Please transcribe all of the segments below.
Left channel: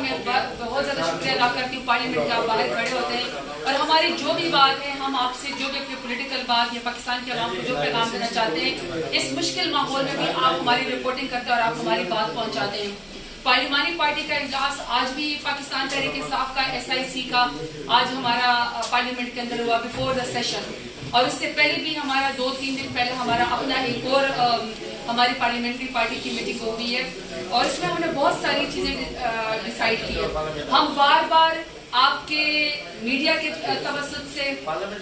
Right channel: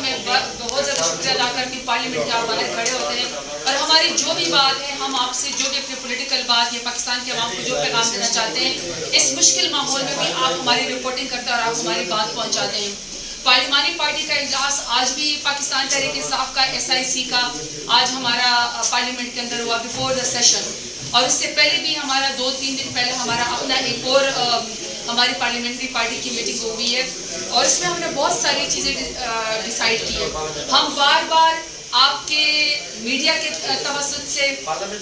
میں بہت زیادہ شکریہ ادا کرتی ہوں پارلیمنٹ کے آپ باہر کھڑے ہوتے ہیں اور ہماری جو بھی بات ہے ہم آپ سے جو بھی اپنی پولیٹیکل بات یا پاکستان کے عوام کو جو پیغام دینا چاہتے ہیں اس مشکل ماحول میں بھی آپ ہماری رپورٹنگ کرتے ہیں اور آپ ہماری بات پہنچاتے ہیں. پارلیمانی پارٹی کا اجلاس آج بھی پاکستان تحریک انصاف کا SIC کا آج ہمارا پارلیمنٹ کے اندر ہوا بیفور دا سیشن, اور اس سے پہلے بھی ہمارا 2-3 دن پہلے ہمارا اپنا ایک اور ہماری پارلیمنٹری پارٹی کی میٹنگ ہوئی ہے اور اس میں ہم نے بہت ساری چیزیں ڈیسائیڈ کی ہے. ہم بار بار آپ کے میڈیا کے توسط سے,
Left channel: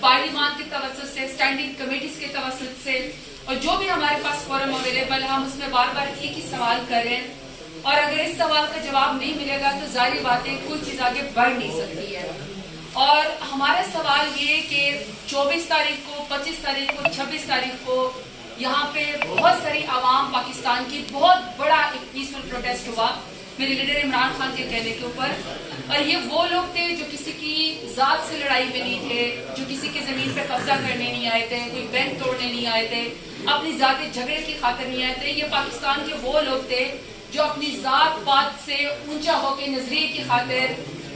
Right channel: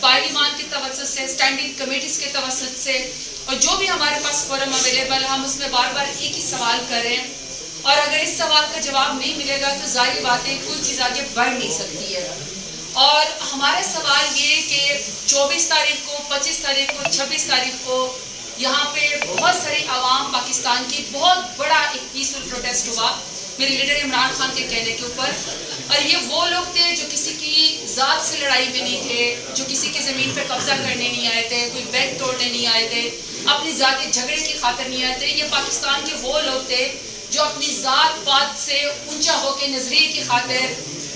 پارلیمان کے توسط سے, اسٹینڈنگ کمیٹیز کے توسط سے اور جو بھی ہمارے پاس فورم اویلیبل ہے ہم اس میں بار بار ایک ہی سوال کر رہے ہیں, اور اگر اس سوال کا جواب نہیں ملے گا تو ظاہری بات ہے کوئی چیز آگے بڑھ نہیں سکتی ہے. اور ہمارا سوال یہ کہ 24 تاریخ کو, 25 تاریخ کو, 26 تاریخ کو یہاں پہ بہت ساری عوام پاکستان کی بہت بڑا ایک پیسفل پروٹیسٹ ہوا میرے لیڈر عمران خان کے کہنے کے اوپر, اور یہ وہ لوگ تھے جو کسی کی ذات سے لڑائی میں نہیں تھے, جو کسی کی زمین پہ قبضہ کرنے نہیں آئے تھے, کوئی بینک توڑنے نہیں آئے تھے, اپنی ذاتی جھگڑے کی خاطر نہیں آئے تھے. یہ پاکستان کے وہ لوگ تھے جو اپنی ذات پات سے اونچا ہو کے نظریے کی خاطر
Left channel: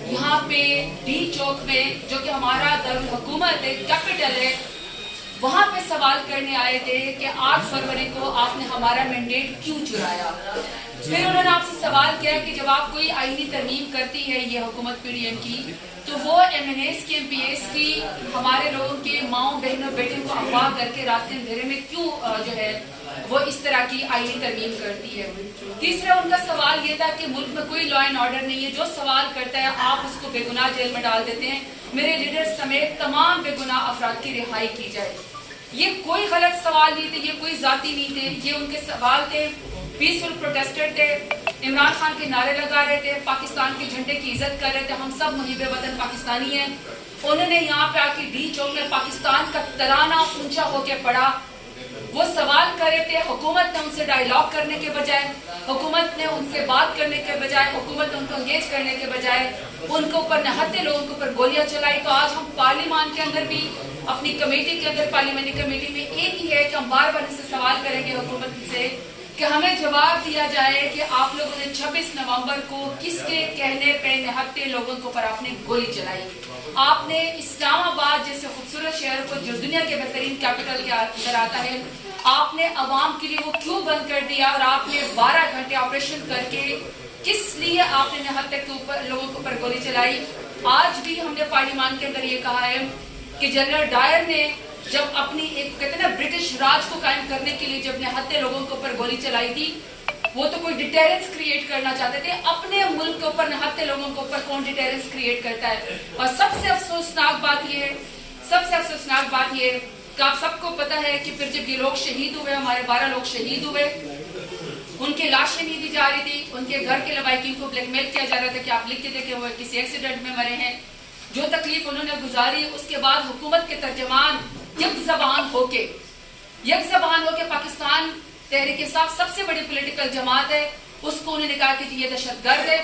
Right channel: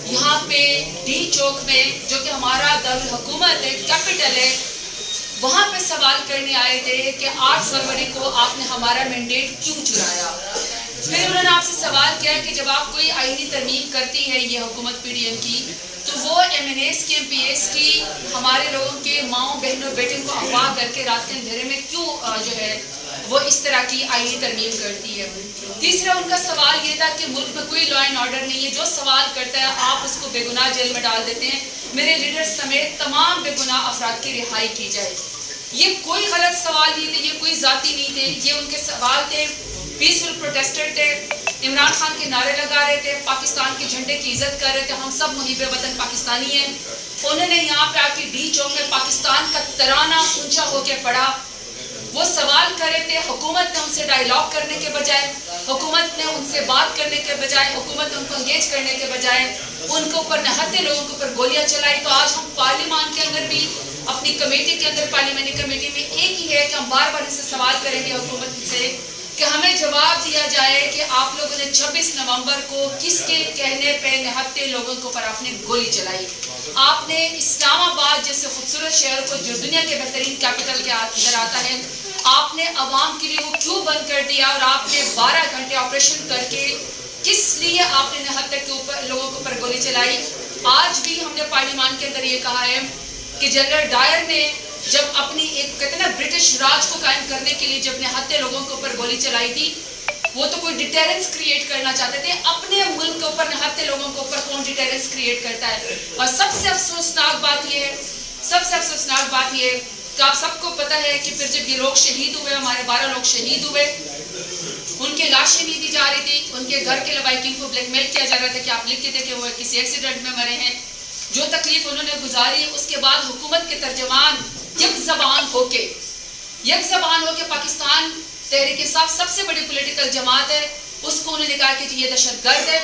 یہاں پہ ڈی چوک میں جو کہ ہمارا دارالحکومت ہے, کیپٹل ہے, وہاں پہ سوال کرنے آئے تھے کہ 8 فروری کو آپ نے ہمارا مینڈیٹ کیوں چرایا. پھر انہوں نے آپ سے سوال کیا کہ جب آپ کوئی آئینی ترمیم کرتی ہے یہ حکومت PDM کی تو وہ MNAs کی MPAs کی ہمارے لوگوں کے ماؤں بہنوں بیٹوں کو اغوا کر کے رات کے اندھیرے میں کیوں جو ہے وہ اس طرح کی آئینی ترمیم کرتی ہے. تیسرا ان کا سوال یہ تھا کہ ملک میں کوئی لا اینڈ آرڈر نہیں ہے, جو سوال کرتا ہے آپ اس کو بے گناہ جیل میں ڈال دیتے ہیں, میرے لیڈر سمیت تمام بے گناہ افراد کی رہائی کی جائے. یہ کوئی غلط سوال نہیں تھے, یہ کوئی ذاتی نہیں تھے, یہ ان کے سوال تھے. پیسفل پروٹیسٹر تھے, عمران خان کے نعرے لگا رہے تھے, پاکستان کے جھنڈے کی عزت کر رہے تھے, ہم سب محب وطن پاکستانی ہیں. انہوں نے یہاں پہ آ کے ڈی چوک میں پاکستان کا ترانہ اونچا ہو کے پڑھا. وہ سوال کر رہے تھے, حکومت نے ان سے ڈائیلاگ کرنے کے بجائے, حکومت نے ان سے بات کرنے کے بجائے, حکومت نے ان کو انگیج کرنے کے بجائے ان کے اوپر نہتے لوگوں کے اوپر گولیاں چلائی. تو آج ہم پارلیمان کے اندر بھی اپنی کمیٹی کے اندر, پارلیمانی کمیٹی میں ایک ہی ہے کہ ہم بار بار ان سے سوال کریں گے حکومت سے کہ ہمیں جواب دیا جائے کہ آپ لوگوں نے 26 نومبر کو کس کے کہنے پہ نہتے لوگوں کے اوپر آپ نے گولی چلائی. آپ نے اسلام آباد جیسے خوبصورت شہر کو جو دنیا کے بہترین کیپٹل کے اندر آتا ہے, آپ نے عوام کے لیے وہ کیوں بند کر دیا, اور آپ نے 12 گھنٹے آپریشن کر کے کس لیے آپ نے نہتے کے اوپر لوگوں کے اوپر گولی چلائی. آج بھی ہم نے پارلیمان کے اندر یہ کہا ہے کہ جنرل ڈائر نے جب اپنی ایک کہتے ہیں نا برٹش راج کو قائم کرنے کے لیے جب نہتے لوگوں کے اوپر گولی چلائی تھی, وہ تو کوئی ڈیٹیرنس کریٹ کرنا چاہتے تھے. اپنے ملک کے اوپر نہتے لوگوں کے اوپر کون ڈیٹیرنس کریٹ کرتا ہے. اور سب سے افسوسناک بات یہ ہے کہ آپ سب کو پتہ ہے کہ پھر جب یہ لوگ شہید ہوئے, ہمارے 12 لوگ شہید ہوئے, ان کے لاشیں نہیں دی جا رہی تھی, ان کے گھر کے لوائقین کو بلیک میل کیا جا رہا تھا کہ آپ لکھ کے دیں کہ وہ کسی ایکسیڈنٹ میں مرے ہیں. جو تکلیف انہوں نے گزاری, اس کے بعد حکومت کے ترجمان یک زبان ہو کے پاکستان تحریک انصاف سب سے بڑی پولیٹیکل جماعت ہے, اس کو انہوں نے کہا کہ یہ دہشت گرد ہے,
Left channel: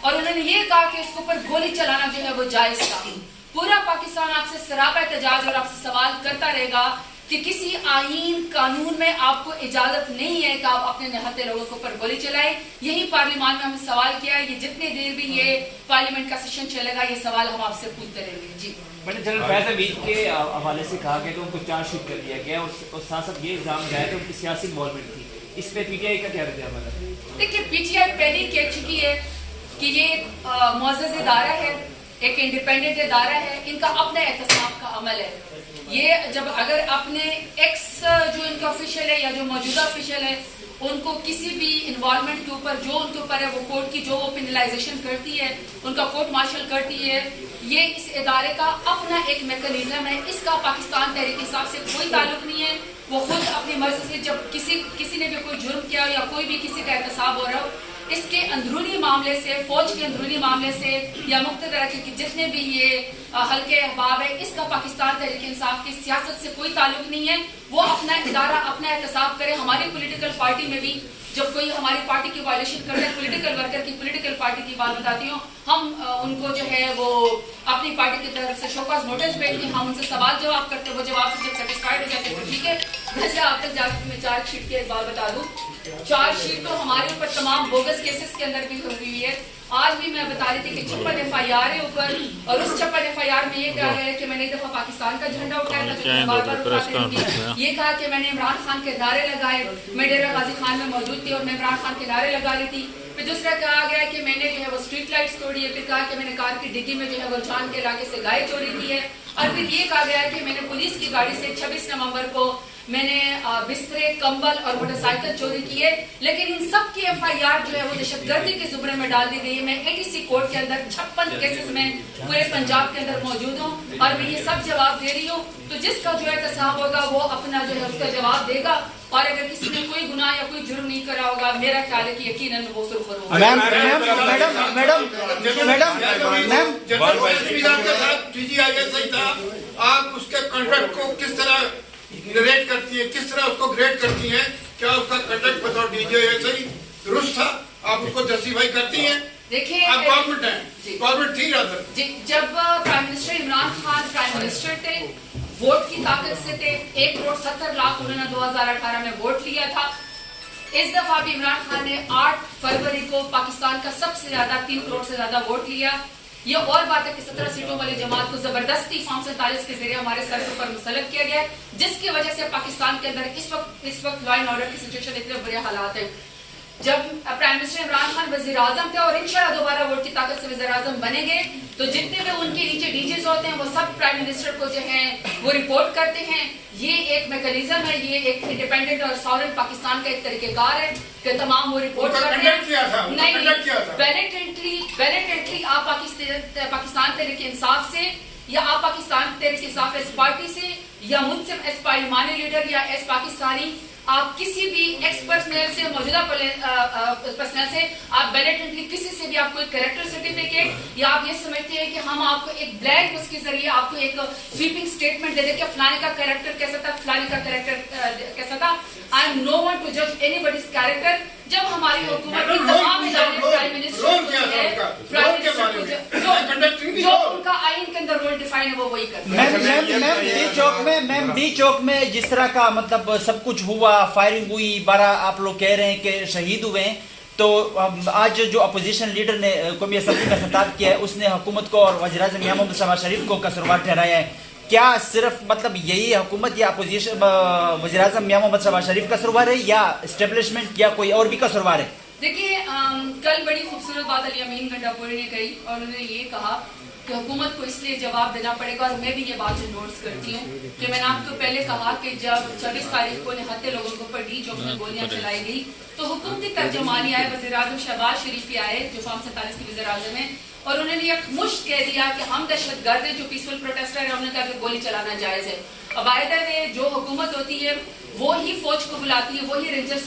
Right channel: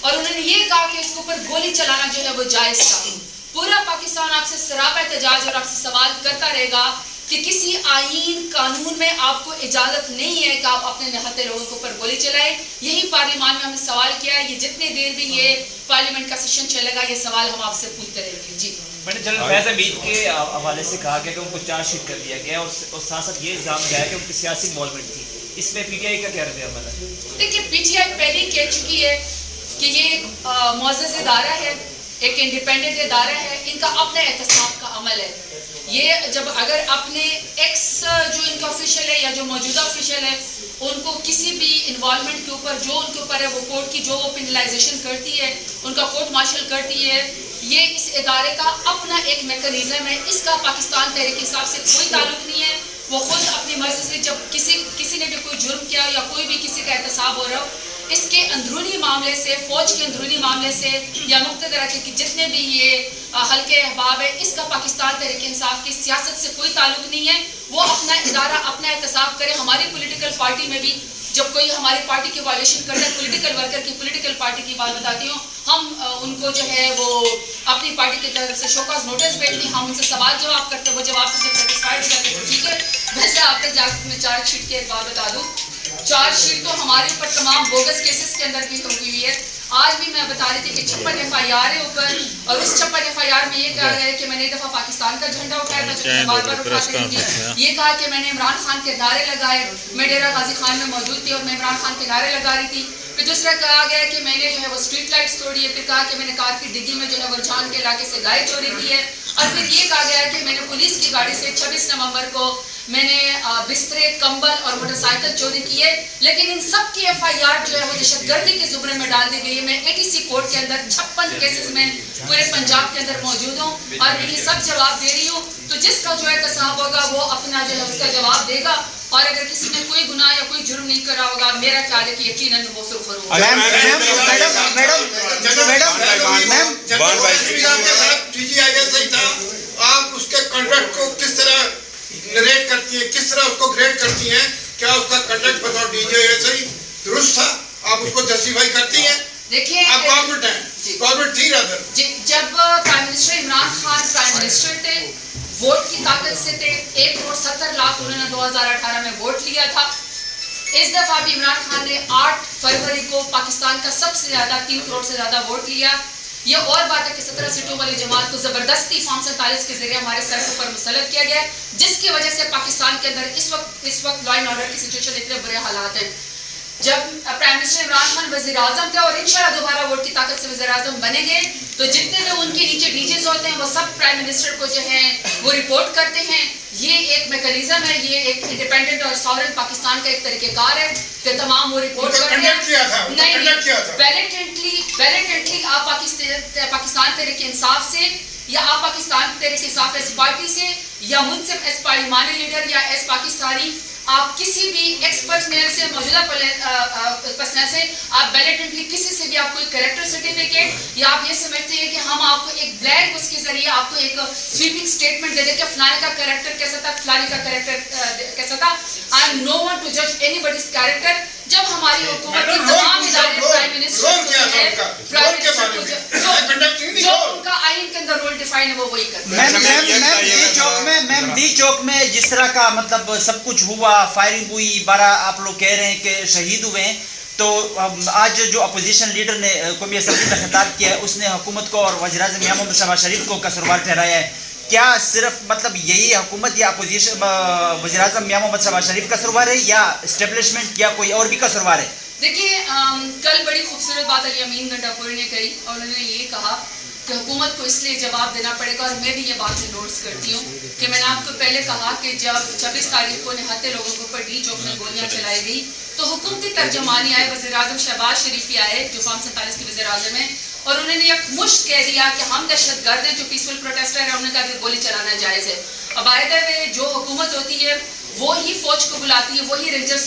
اور انہوں نے یہ کہا کہ اس کے اوپر گولی چلانا جو ہے وہ جائز تھا. پورا پاکستان آپ سے سراپا احتجاج اور آپ سے سوال کرتا رہے گا کہ کسی آئین قانون میں آپ کو اجازت نہیں ہے کہ آپ اپنے نہتے لوگوں کے اوپر گولی چلائیں. یہی پارلیمان میں ہم نے سوال کیا ہے, یہ جتنے دیر بھی یہ پارلیمنٹ کا سیشن چلے گا یہ سوال ہم آپ سے پوچھتے رہیں گے. جی جنرل فیض حمید کے حوالے سے کہا گیا کہ ان کو چارج شیٹ کر دیا گیا اور ساتھ ساتھ یہ الزام لگایا کہ ان کی سیاسی انوالومنٹ تھی. اس پہ PTI کا کیا رد عمل ہے؟ دیکھیے PTI پہلے ہی کہہ چکی ہے کہ یہ ایک معزز ادارہ ہے, ایک انڈیپینڈنٹ ادارہ ہے, ان کا اپنا احتساب کا عمل ہے. یہ جب اگر اپنے ایکس جو ان کا آفیشل ہے یا جو موجودہ آفیشل ہے ان کو کسی بھی انوالومنٹ کے اوپر جو ان کے اوپر ہے وہ کورٹ کی جو وہ پینلائزیشن کرتی ہے, ان کا کورٹ مارشل کرتی ہے, یہ اس ادارے کا اپنا ایک میکانزم ہے. اس کا پاکستان تحریک انصاف سے کوئی تعلق نہیں ہے. وہ خود اپنی مرضی سے جب کسی نے بھی کوئی جرم کیا یا کوئی بھی کسی کا احتساب ہو رہا ہو, اس کے اندرونی معاملے سے, فوج کے اندرونی معاملے سے یا مقتدرہ کے جتنے بھی یہ حلقے احباب ہے, اس کا پاکستان تحریک انصاف کی سیاست سے کوئی تعلق نہیں ہے. وہ اپنا ادارہ اپنا احتساب کرے. ہماری پولیٹیکل پارٹی میں بھی جب کوئی ہماری پارٹی کی وائلیشن کرتا ہے, پولیٹیکل ورکر کی پولیٹیکل پارٹی کی بات بتاتی ہوں, ہم ان کو جو ہے وہ اپنی پارٹی کی طرف سے شو کاز نوٹس بھیجتے ہیں, ہم ان سے سوال جواب کرتے ہیں, وہ جواب سے جب سیٹسفائڈ ہو جاتے ہیں تو ٹھیک ہے. ویسے آپ تک جا کے میں چارج شیٹ کی ایک بات بتا دوں, چارج شیٹ تو ہمارے اوپر تمام بوگس کیسز کے اندر بھی ہوئی ہے. آج بھی میں بتا رہی تھی کہ 56 FIR ہے اوپر, اور اس 56 FIR میں یہ کہا گیا ہے کہ میں نے ایک دفعہ پاکستان کا جھنڈا اٹھایا تھا, جو میں بار بار اٹھاتی رہی تھی. یہ کہا کہ میں نے عمران خان کے نعرے لگائے, میں ڈیرہ غازی خان میں موجود تھی اور میں عمران خان کے نعرے لگا رہی تھی. پھر دوسرا کہا گیا کہ میں نے جو ہے وہ اسٹریٹ لائٹس توڑی ہے. پھر کہا کہ میں نے کار کی ڈگی میں جو ہے وہ رجحان کے علاقے سے گائے چوری کی ہے. اور پھر یہ کہا گیا کہ میں نے پولیس کی گاڑی سے 26 نومبر کو میں نے بسترے, کمبل اور موٹر سائیکل چوری کی ہے. لیکن ان سب کی FIR جو ہے وہ دہشت گردی کے زمرے میں ڈال دی گئی ہے. میں ATC کورٹ کے اندر 56 کیسز میں پورے پنجاب کے اندر موجود ہوں اور میں یہ سب جواب دے رہی ہوں. تو جس کا جو ہے تصاب ہوگا وہ اپنا جو ہے اس کا جواب دے گا, اور اگر کسی نے کوئی گناہ یا کوئی جرم نہیں کرا ہوگا, میرا خیال ہے کہ یقیناً وہ سرخرو ہوگا. آپ اس کے کنڈکٹ کو کس طرح ریٹ کرتی ہیں, کس طرح اس کو گریڈ کرتی ہیں؟ کیا اس کا کنڈکٹ بطور DJ ایسے ہی درست تھا؟ آپ اس کو جسٹیفائی کرتی ہیں؟ دیکھیے آپ گورنمنٹ ہیں, گورنمنٹ تھی رادر. جب prime minister Imran Khan prime minister تھے, ووٹ کی طاقت سے تھے, 1,70,00,000 انہوں نے 2018 میں ووٹ لیا تھا. اس دفعہ بھی عمران خان نے 8 فروری کو پاکستان کا سب سے زیادہ 3 کروڑ سے زیادہ ووٹ لیا. یہ اور بات ہے کہ 17 سیٹوں والی جماعت کو زبردستی فارم 47 کے ذریعے ہمارے سر پر مسلط کیا گیا ہے, جس کی وجہ سے پاکستان کے اندر اس وقت لا اینڈ آرڈر کی سچویشن اتنے برے حالات ہیں. جب پرائم منسٹر عمران خان وزیر اعظم تھے اور انشاءاللہ دوبارہ ووٹ کی طاقت سے وزیر اعظم بنیں گے, تو جتنے لوگ ان کے نیچے DJs ہوتے ہیں وہ سب پرائم منسٹر کو جو ہے وہ رپورٹ کرتے ہیں. یہ ایک میکانزم ہے, یہ ایک انڈیپینڈنٹ اور ساورن پاکستان کا ایک طریقہ کار ہے کہ تمام وہ رپورٹ کرتے ہیں. بیلٹنٹلی آپ پاکستان تحریک انصاف سے یا آپ پاکستان تحریک انصاف ایس پارٹی سے یا منصف ایس پارلیمانی لیڈر یا ایس پاکستانی, آپ کسی بھی ایکس پرسنل سے, موجودہ پرسنل سے, آپ بیلٹنٹلی کسی سے بھی آپ کو ایک کریکٹر سرٹیفکیٹ یا آپ یہ سمجھتے ہیں کہ ہم آپ کو ایک بلیک اس کے ذریعے آپ کو ایک سویپنگ سٹیٹمنٹ دے دیں کہ فلانے کا کریکٹر کیسا تھا, فلانے کا کریکٹر کیسا تھا. I am no one to جج اینی باڈیز کریکٹر. جب ہماری حکومت کی تمام ادارے پرائم منسٹر جو ان کا آئین کے اندر رول ڈیفائن ہے وہ وہی کرتے ہیں. میم ڈی چوک میں جس طرح کا مطلب سب کچھ ہوا, فائرنگ ہوئی, 12 آپ لوگ کہہ رہے ہیں کہ شہید ہوئے ہیں, تو آج جو اپوزیشن لیڈر نے قومی اسمبلی میں خطاب کیا ہے, اس نے حکومت کو اور وزیر اعظم میاں محمد شہباز شریف کو قصوروار ٹھہرایا ہے. کیا صرف مطلب یہی حکومت یا اپوزیشن وزیر اعظم میاں محمد شہباز شریف قصوروار ہے یا اسٹیبلشمنٹ یا کوئی اور بھی قصوروار ہے؟ دیکھیے کل بڑی خوبصورت بات علی امین گنڈاپوری نے کہی, اور انہوں نے یہ کہا کہ حکومت کو اس لیے جواب دینا پڑے گا, اور میں بھی یہ بات نوٹس کرتی ہوں کہ میں نے آپ کو پہلے کہا کہ جب 26 تاریخ کو نہتے لوگوں کے اوپر ڈی چوک میں گولیاں چلائی گئی تو حکومتی ترجمانی آئے, وزیر اعظم شہباز شریف ہی آئے جو فارم 47 کے وزیر اعظم ہیں, اور انہوں نے یک مشت کہہ دیا کہ ہم دہشت گرد ہیں جو پیسفل پروٹیسٹر ہیں, ہم نے کہا کہ گولی چلانا جائز ہے. اب آئے جو حکومت ہوتی ہے وہی فوج کو بلاتی ہے, وہی رینجرز